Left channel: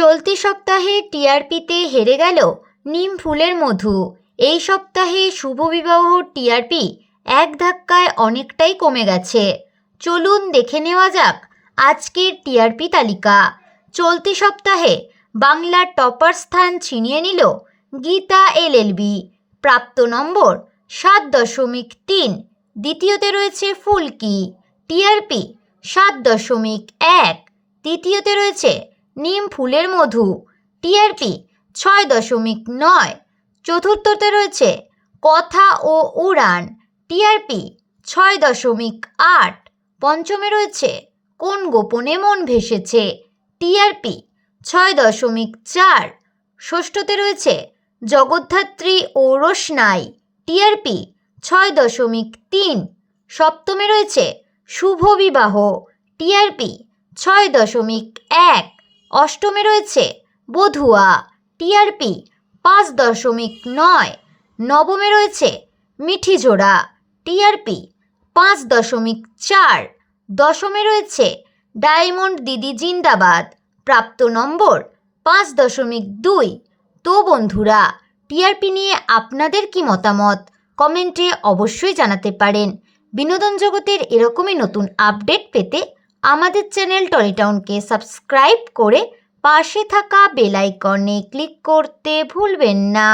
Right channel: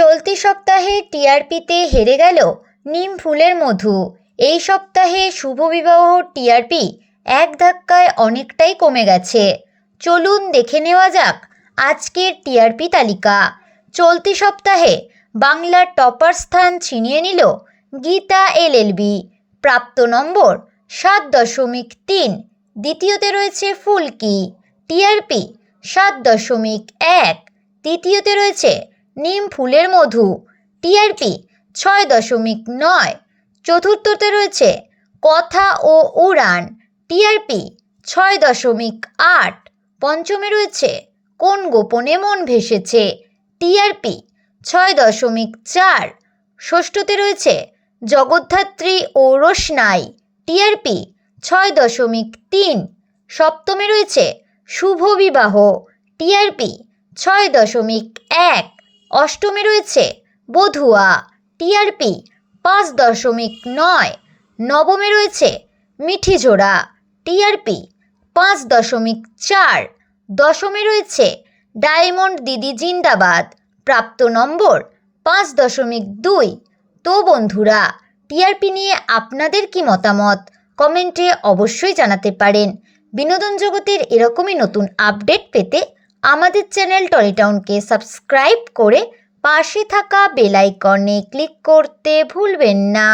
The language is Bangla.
চলতি সপ্তাহে টিআরপিতে হেরে গেল নিম ফুলের মধু। এই সপ্তাহে শুভ বিবাহ টিআরপি এক ধাক্কায় অনেকটাই কমে গেছে। চলুন দেখে নেওয়া যাক আজকের টিআরপি তালিকা। চলতি সপ্তাহে বাংলার টপার স্থান ছিনিয়ে নিল গীতা এলএলবি প্রাপ্ত নম্বর সাত দশমিক তিন। দ্বিতীয়তে রয়েছে ফুলকি। টিআরপি সাত দশমিক এক। তৃতীয়তে রয়েছে নিম ফুলের মধু টিআরপি ছয় দশমিক নয়। চতুর্থতে রয়েছে কথা ও উড়ান টিআরপি ছয় দশমিক আট। পঞ্চমে রয়েছে কোন গোপনে মন ভেসেছে টিআরপি ছয় দশমিক চার। ষষ্ঠতে রয়েছে জগদ্ধাত্রী ও রোশনাই টিআরপি ছয় দশমিক তিন। সপ্তমে রয়েছে শুভ বিবাহ টিআরপি ছয় দশমিক এক। অষ্টমে রয়েছে, বধুয়া, টিআরপি, পাঁচ দশমিক নয়। নবমে রয়েছে, মিঠিজোড়া, টিআরপি, পাঁচ দশমিক চার। দশমে রয়েছে, ডায়মন্ড দিদি জিন্দাবাদ, প্রাপ্ত নম্বর, পাঁচ দশমিক দুই। তো বন্ধুরা, টিআরপি নিয়ে আপনাদের কি মতামত? কমেন্টে অবশ্যই জানাতে পারেন। বিনোদন জগতের এরকমই নতুন আপডেট পেতে আমাদের চ্যানেল টনিটাউনকে সাবস্ক্রাইব করে পাশে থাকা বেলাইকনে ক্লিক করতে ভুলবেন না।